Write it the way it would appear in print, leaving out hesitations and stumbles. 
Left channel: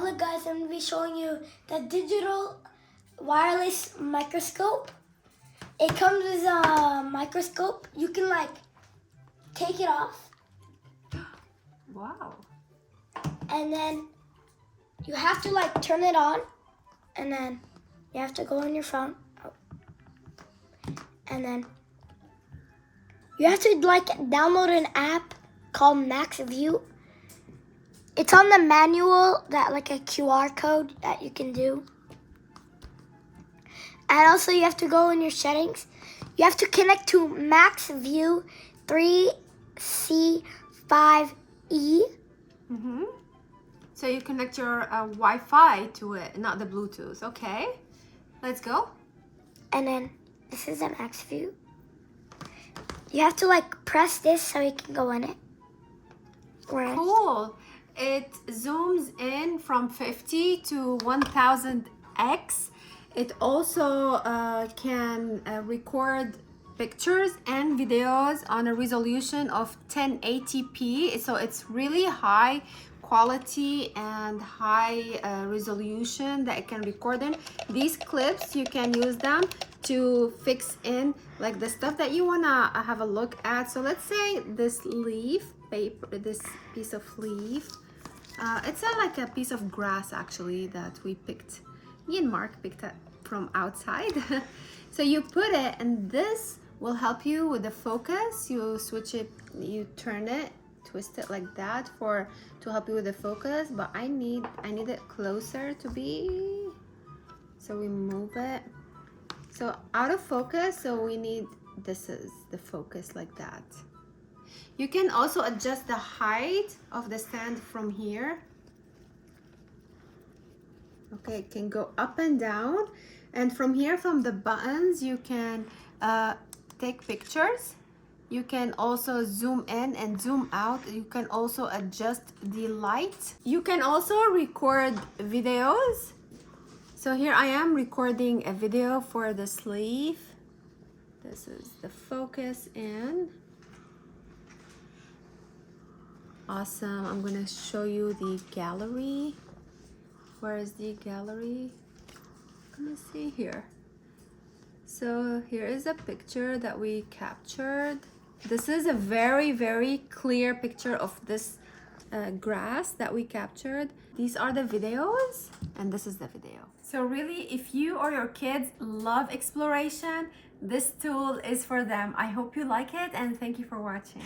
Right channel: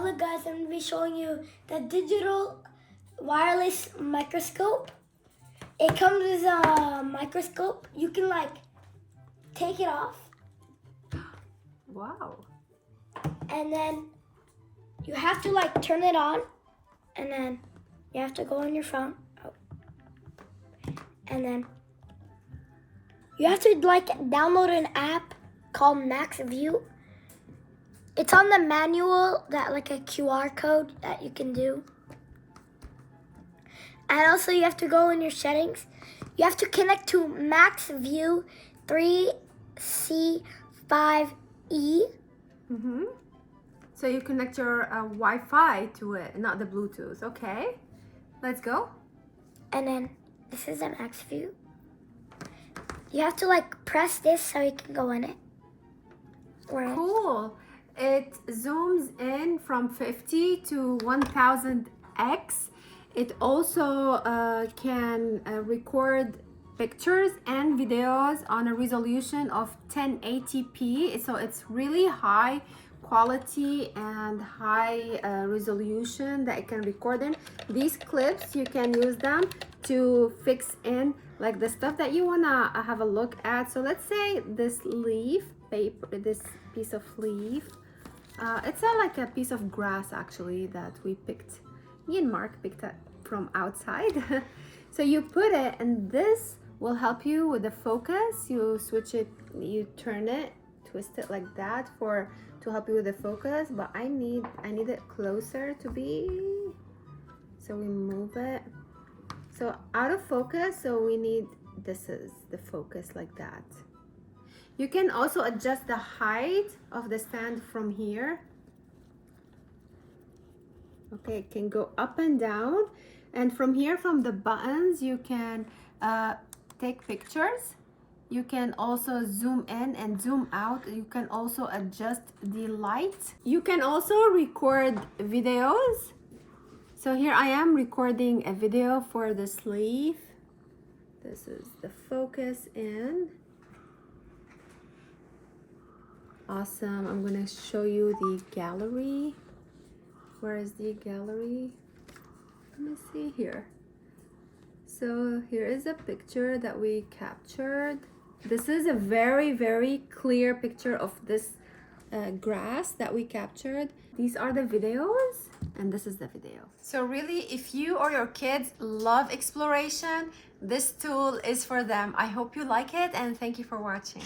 Hello guys, I'm going to be showing you the digital wireless microscope. It comes with a microscope. You can like take it off. Wow. And then you have to like turn it on. And then you have to go on your phone. And then you have to like download an app called Max View. It's on the manual, that like a QR code that you can do. And also you have to go in your settings. You have to connect to Max View 3C5E. So you connect your Wi-Fi to it, not the Bluetooth. Okay, let's go. And then this is a Max View. You have to like press this so you can go in it. Right. Cool. It zooms in from 50 to 1000X. It also can record pictures and videos on a resolution of 1080p. So it's really high quality and high resolution that it can record in. These clips, you can use them to fix in like the stuff that you wanna have a look at. So let's say this leaf paper, this piece of leaf, it's like a piece of grass actually that we picked. Me and Mark picked it from outside. So you put it, and this will help you with the focus. You switch it, you turn it, twist it like that to help you with the focus. But I need it closer to be. So we move it. So out of focus. So we need, this is the focus like that. You can also adjust the height of the stand from here. Okay, it can go up and down. And from here, from the buttons, you can take pictures. You can also zoom in and zoom out. You can also adjust the light. You can also record videos. So here I am recording a video for the sleeve. This is the focus in. Awesome. I'm gonna show you the gallery. Where is the gallery? Let me see here. So here is a picture that we captured. This is a very, very clear picture of this grass that we captured. These are the videos, and this is the video. So really, if you or your kids love exploration, this tool is for them. I hope you like it, and thank you for watching.